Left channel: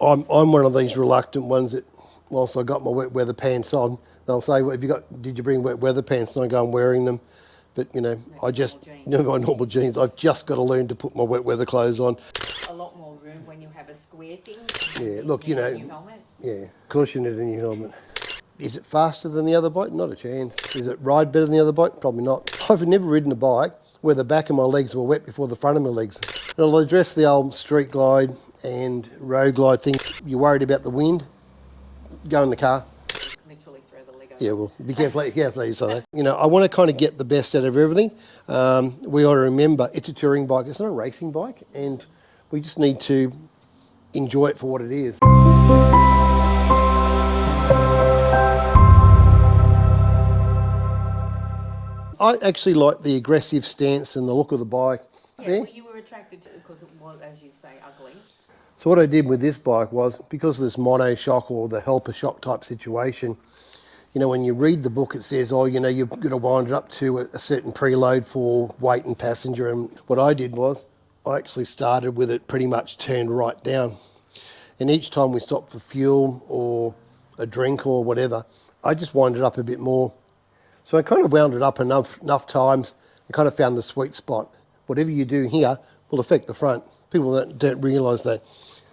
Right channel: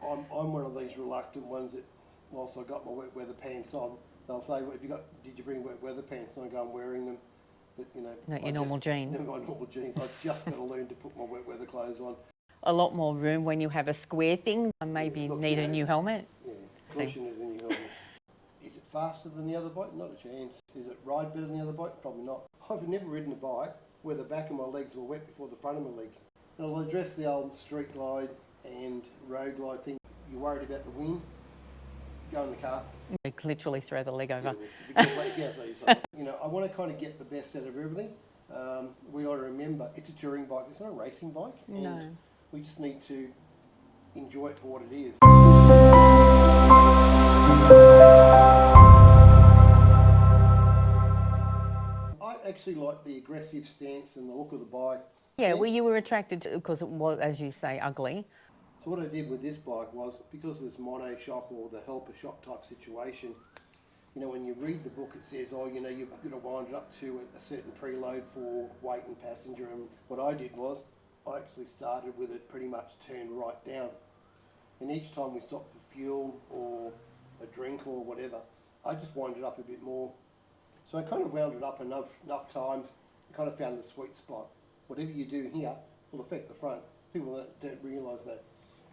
I'm one of these reluctant ones that, whilst I got my wet weather pants on, they'll say, well, did you bring wet weather pants? And I go, I'm wearing them. But, you know, Not I your just, normal jeans. no, my normal jeans. I've just got to learn to put my wet weather clothes on. A lot more room when you have a square thing and maybe Yeah, look, need you know, a new helmet. Yeah, of course you need a new helmet. Is it faster than the other bike? Not a chance. Is it ride better than the other bike? Probably not. I've never ridden a bike where the back of my legs were wet before the front of my legs. And I'll address the old street glide and road glide thing. You're worried about the wind? Go in the car. You could literally throw the leg over. Yeah, well, be careful how you say that. You know, I want to kind of get the best out of everything. We ought to remember it's a touring bike. It's not a racing bike, and we just need to enjoy it for what it is. I actually like the aggressive stance and the look of the bike. Yeah, well, you were attracted to because it was, as you say, ugly. So what I did with this bike was, because of this mono shock or the helper shock type situation, you know, when you read the book, it says, oh, you know, you've got to wind it up to a certain preload for weight and passenger. And what I did was, I actually started with it pretty much turned right down. And each time we stopped for fuel or a drink or whatever, I just wound it up a bit more. So I kind of wound it up enough times and kind of found the sweet spot. Whatever you do here will affect the front. People don't realise that.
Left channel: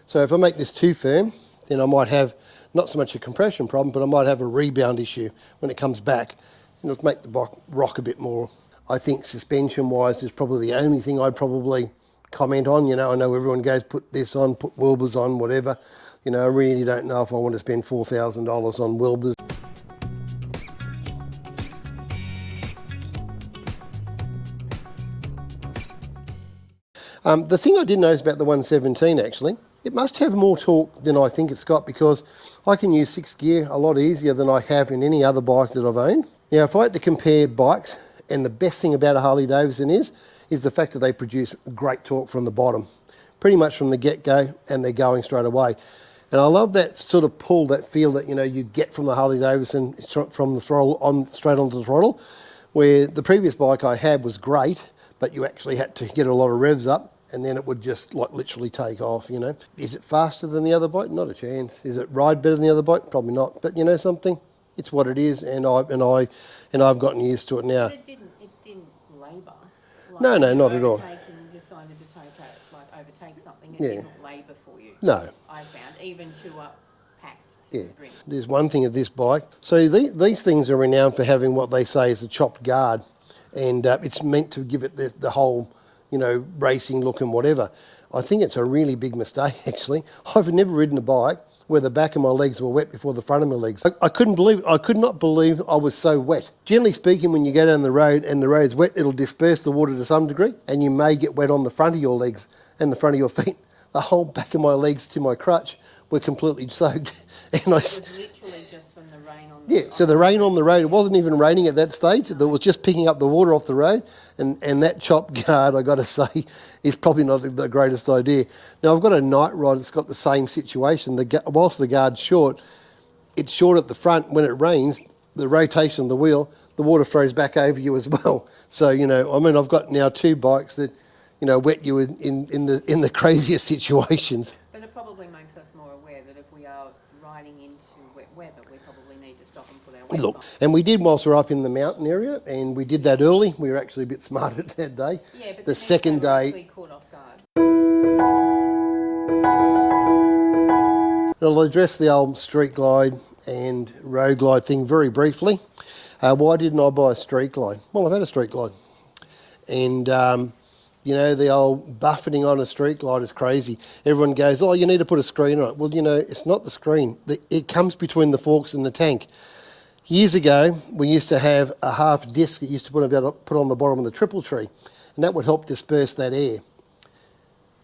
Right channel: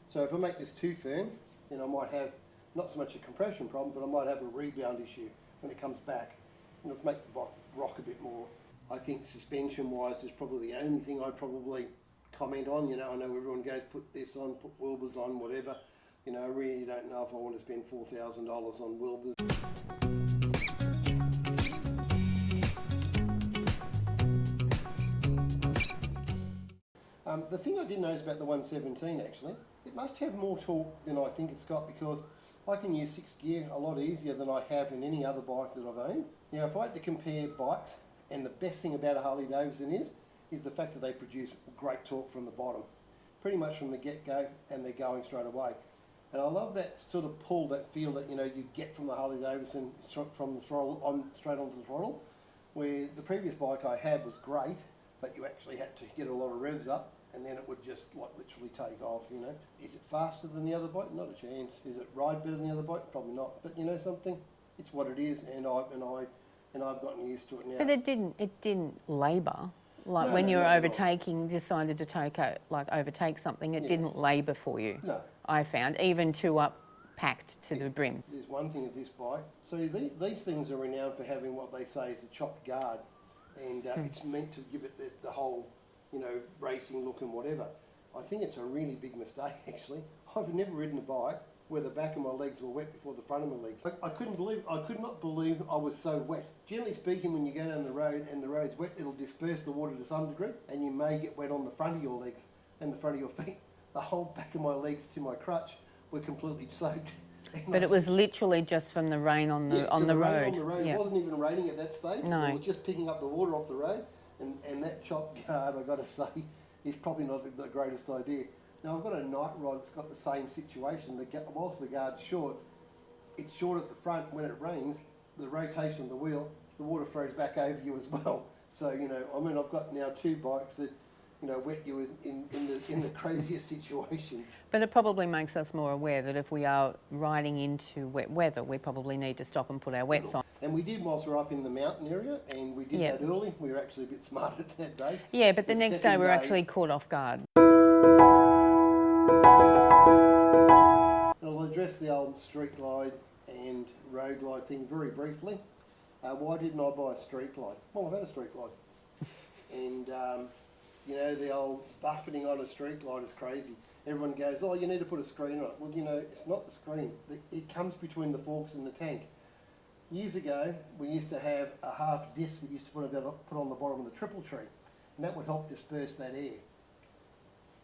So if I make this too firm, then I might have not so much a compression problem, but I might have a rebound issue when it comes back. And it'll make the bike rock a bit more. I think suspension-wise is probably the only thing I'd probably comment on. You know, I know everyone goes, put this on, put Wilburs on, whatever. You know, I really don't know if I want to spend $4,000 on Wilburs. The thing I did notice about the 117 actually, it must have more torque than I think it's got, because I can use 6th gear a lot easier than I have in any other bike that I've owned. Now, if I had to compare bikes, and the best thing about a Harley Davidson is the fact that they produce great torque from the bottom, pretty much from the get-go, and they're going straight away. And I love that sort of pull, that feel that, you know, you get from the Harley Davidson from the throttle on straight onto the throttle, where the previous bike I had was great, but you actually had to get a lot of revs up, and then it would just like literally take off, you know. Is it faster than the other bike? Not a chance. Is it ride better than the other bike? Probably not. But you know something? It's what it is, and I've gotten used to it now. But it didn't labour. Like No, when no, you're not at all. decided to overtake something, it didn't labour for you. No. I found, even to up packed to the brim. There's one thing of this bike. So these things are renowned for having what they say is a chopped guard, and it's meant to give it the whole, you know, racing look and whatever. I think it's a really big mistake, actually. I've never ridden a bike where the back of my legs were wet before the front of my legs. I could not believe I was so wet. Generally speaking, when you go down the road and the road's wet, it'll disperse the water to some degree, and you may get wet on the front of your legs and the front of your feet. The whole back of my legs to my crutch were completely soaked. And But it was literally just from the rain on the so the rain on the road, Yeah. it wasn't even raining at that stage. No. It was just picking up the water off the road. And that chopped guard, I got to say, is probably not the greatest idea. Now, I've got a night rod that's got the same situation. Whilst the guard's short, it's short at the front. When it rains, the rotation of the wheel, the water throws back over you as well. So, you know, I mean, I've got now 2 bikes that, you know, wet you in the craziest situations. But it probably makes us more aware that if we are riding into wet weather, we probably need to stop and put our wets on. And we did whilst we were up in the mountain area, and we did that early. We were actually a bit smarter that day. Yeah, but the next day we're actually caught off guard. I'll address the old street glide and road glide thing very briefly. Why didn't I buy a street glide? Well, I've had a street glide. And, you know, the old buffeting on a street glide is crazy. Everyone goes, oh, you need to put a screen on it. Well, you know, it's not the screen. It comes between the forks and the tank. Years ago, we used to have a half disc that used to put on the bottom of the triple tree, and that would help disperse that air.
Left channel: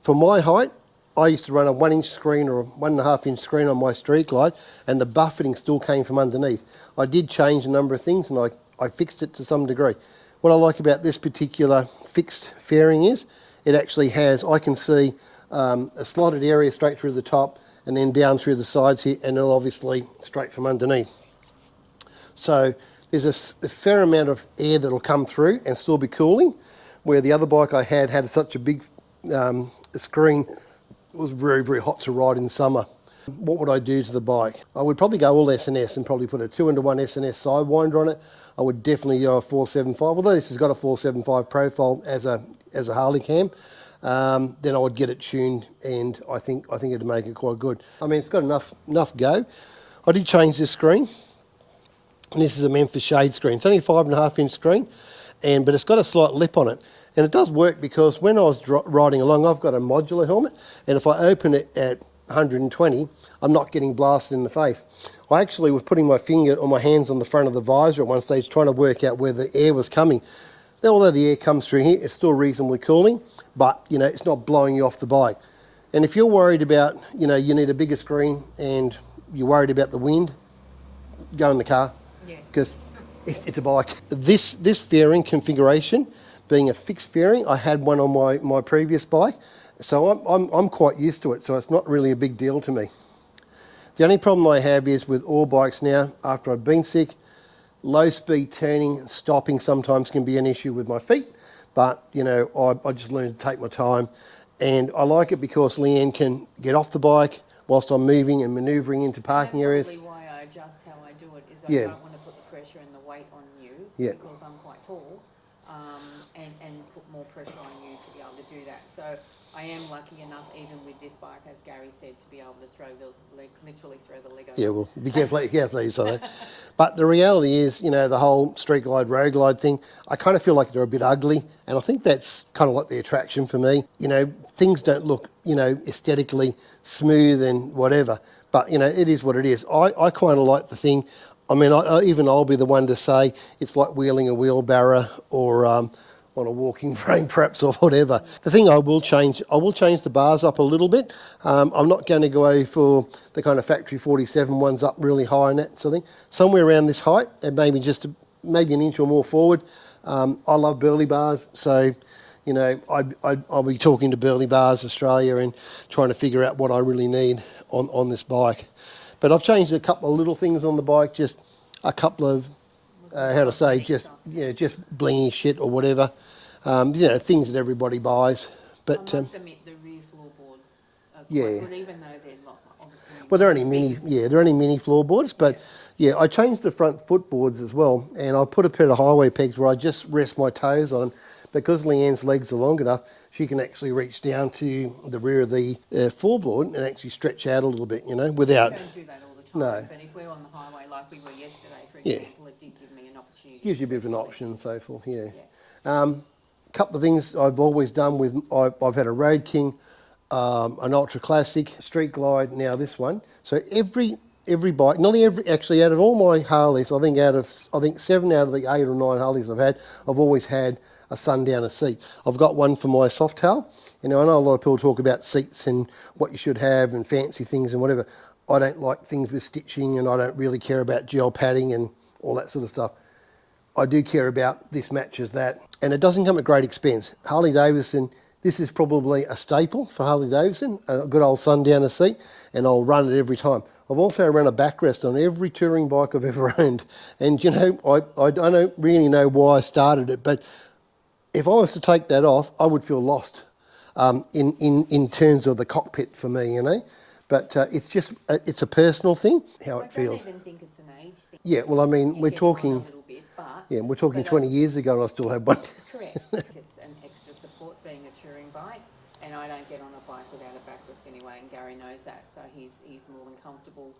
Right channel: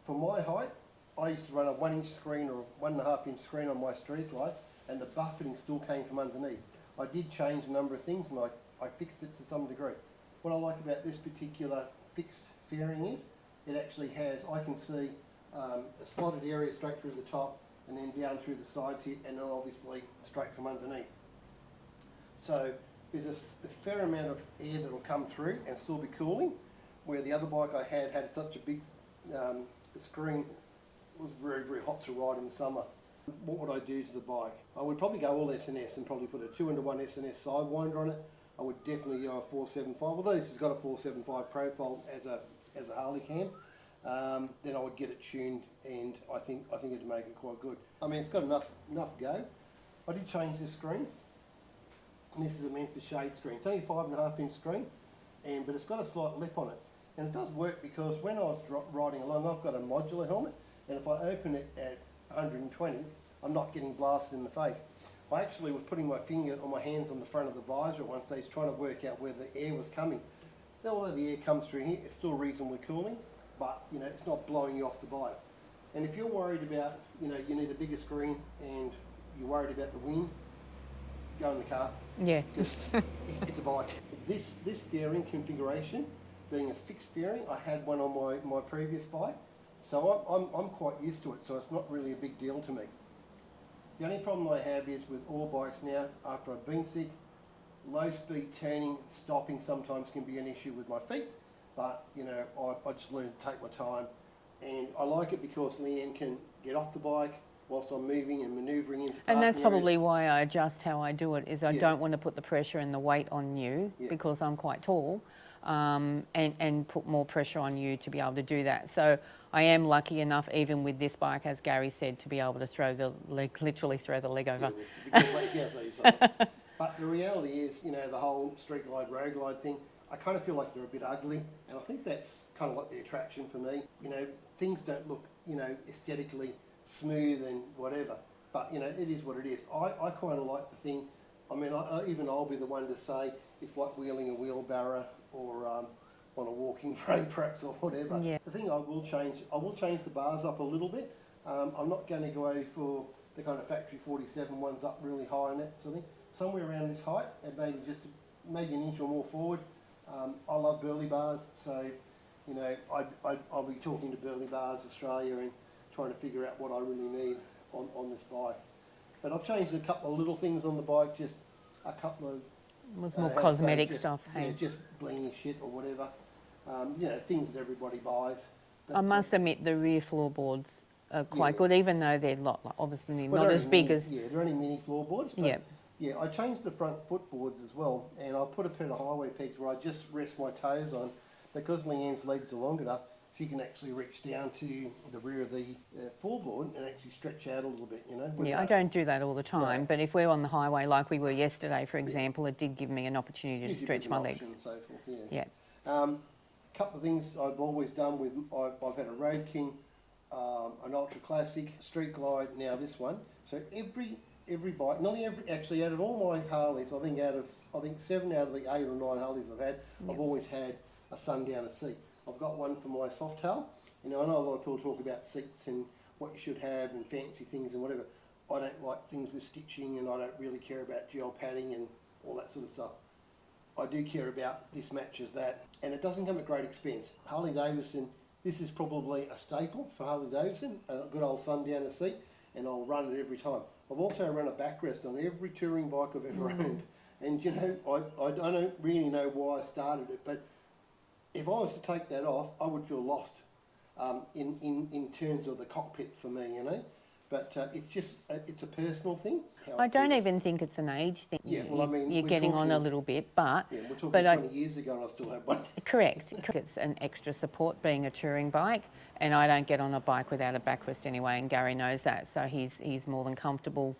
For my height, I used to run a 1-inch screen or a 1.5-inch screen on my street glide, and the buffeting still came from underneath. I did change a number of things, and I fixed it to some degree. What I like about this particular fixed fairing is it actually has, I can see a slotted area straight through the top and then down through the sides here, and then obviously straight from underneath. So there's a fair amount of air that'll come through and still be cooling, where the other bike I had such a big screen. It was very, very hot to ride in summer. What would I do to the bike? I would probably go all S&S and probably put a 2-into-1 S&S sidewinder on it. I would definitely go a 475, although this has got a 475 profile as a Harley cam. Then I would get it tuned, and I think it'd make it quite good. I mean, it's got enough go. I did change this screen, and this is a Memphis shade screen. It's only a 5.5-inch screen, but it's got a slight lip on it. And it does work because when I was riding along, I've got a modular helmet, and if I open it at 120, I'm not getting blasted in the face. I actually was putting my finger or my hands on the front of the visor at one stage trying to work out where the air was coming. Now, although the air comes through here, it's still reasonably cooling, but you know, it's not blowing you off the bike. And if you're worried about, you know, you need a bigger screen and you're worried about the wind, go in the car. Yeah. Because it's a bike. This fairing configuration, being a fixed fairing, I had one on my previous bike, so I'm quite used to it, so it's not really a big deal to me. The only problem I have is with all bikes now, after I've been sick, low speed turning and stopping sometimes can be an issue with my feet, but you know, I just learned to take my time, and I like it because Leanne can get off the bike whilst I'm moving and manoeuvring into parking areas. And that's probably why I adjust how I do it, is I don't want to put the pressure and the weight on you because I'm quite tall, and put more pressure on you to be able to do that. So I am lucky enough, even with this bike, as Gary said, to be able to throw the leg, literally throw the leg over. Yeah, well, be careful you say that. But the reality is, you know, the whole street glide, road glide thing, I kind of feel like they're a bit ugly, and I think that's kind of like the attraction for me. You know, things don't look, you know, aesthetically smooth and whatever, but you know, it is what it is. I kind of like the thing. I mean, I'll be the one to say it's like wheeling a wheelbarrow or on a walking frame perhaps, or whatever. Yeah. The thing I will change the bars up a little bit. I'm not going to go for the kind of factory 47 ones up really high and that sort of thing. Somewhere around this height, and maybe maybe an inch or more forward. I love burley bars, so you know, I'll be talking to Burley Bars Australia and trying to figure out what I really need on this bike. But I've changed a couple of little things on the bike, just a couple of, how to say, just stuff, just blingy shit or whatever. You know, things that everybody buys. But I must admit, the rear floorboards are quite good, even though they're obviously well, not as big as... Yeah, they're only mini floorboards, but yeah, I changed the front footboards as well, and I put a pair of highway pegs where I just rest my toes on. Because Leanne's legs are long enough, she can actually reach down to the rear of the floorboard and actually stretch out a little bit, you know, without... Yeah, don't do that all the time, but if we're on the highway like we were yesterday, for example, it did give me an opportunity to stretch my legs. Gives you a bit of an option and so forth, Yeah. A couple of things I've always done with... I've had a Road King, an Ultra Classic, Street Glide, now this one. So every bike, actually out of all my Harleys, I think 7 out of the 8 or 9 Harleys I've had, I've always had a Sundowner seat. I've got one for my soft tail. You know, I know a lot of people talk about seats and what you should have and fancy things and whatever. I don't like things with stitching, and I don't really care about gel padding and all that sort of stuff. I do care about this matches that, and it doesn't come at great expense. Harley Davidson, this is probably a staple for Harley Davidson, a good old Sundowner seat, and I'll run it every time. I've also run a backrest on every touring bike I've ever owned, and you know, I don't really know why I started it, but if I was to take that off, I would feel lost in terms of the cockpit for me, you know. But it's just, it's a personal thing, how it feels. I don't even think it's an age thing. Yeah, well, I mean, we're talking... on a little bit, but... Yeah, we're talking 20 years ago and I still have one. Correct. It's an extra support being a touring bike, and I don't get on a bike without a backrest anyway, and Gary knows that, so he's more than comfortable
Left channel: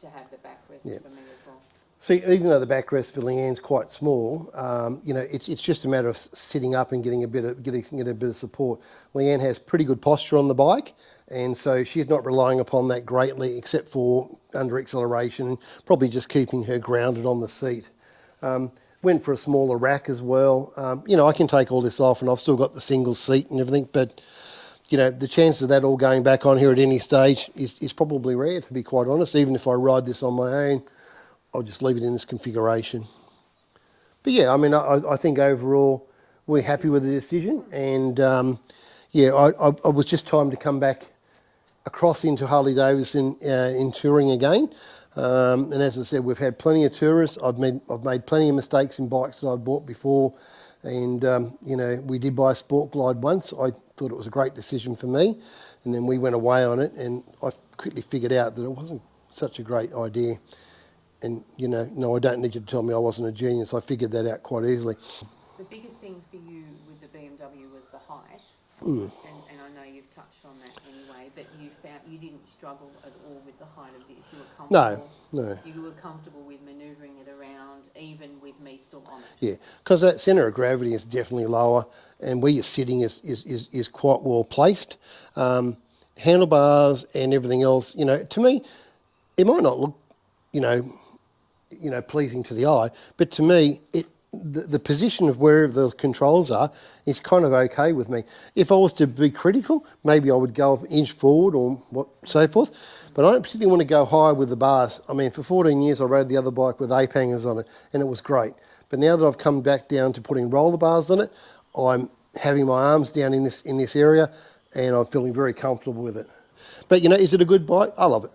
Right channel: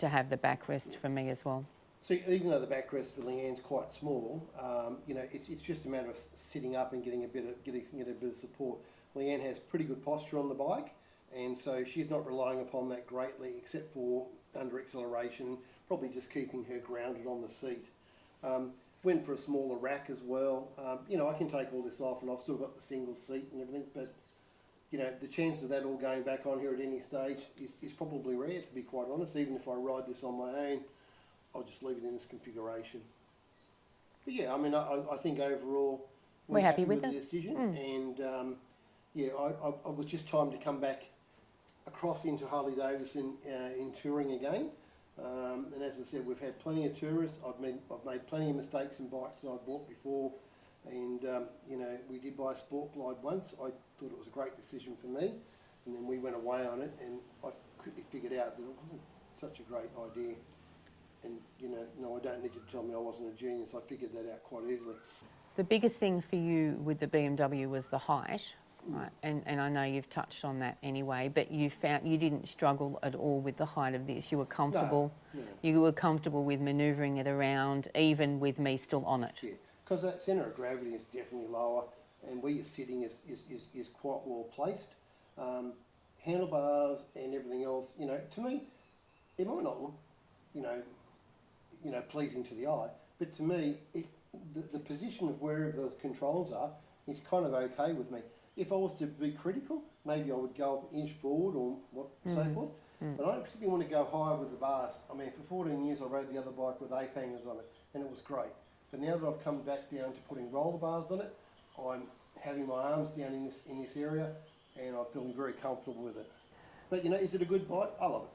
to have the backrest for me as well. See, even though the backrest for Leanne's quite small, you know, it's just a matter of sitting up and getting a bit of support. Leanne has pretty good posture on the bike, and so she's not relying upon that greatly, except for under acceleration, probably just keeping her grounded on the seat. Went for a smaller rack as well. You know, I can take all this off, and I've still got the single seat and everything, but you know, the chance of that all going back on here at any stage is probably rare, to be quite honest. Even if I ride this on my own, I'll just leave it in this configuration. But yeah, I mean, I think overall we're happy with the decision. And yeah, I was just time to come back across into Harley Davidson in touring again. And as I said, we've had plenty of tourists. I've made plenty of mistakes in bikes that I've bought before. And, you know, we did buy a Sport Glide once. I thought it was a great decision for me. And then we went away on it, and quickly figured out that it wasn't such a great idea. And, you know, no, I don't need you to tell me I wasn't a genius. I figured that out quite easily. The biggest thing for you with the BMW was the height. And I know you've touched on that anyway, but you found you didn't struggle at all with the height of this. You were comfortable. No. You were comfortable with manoeuvring it around, even with me still on it. Yeah, because that centre of gravity is definitely lower, and where you're sitting is quite well placed. Handlebars and everything else, you know, to me, it might not look, you know, pleasing to the eye, but to me, the position of where the controls are is kind of okay with me. If I was to be critical, maybe I would go an inch forward or so forth, but I don't particularly want to go high with the bars. I mean, for 14 years I rode the other bike with ape hangers on it, and it was great. But now that I've come back down to putting roller bars on it, I'm having my arms down in this area, and I'm feeling very comfortable with it. But, you know, is it a good bike? I love it.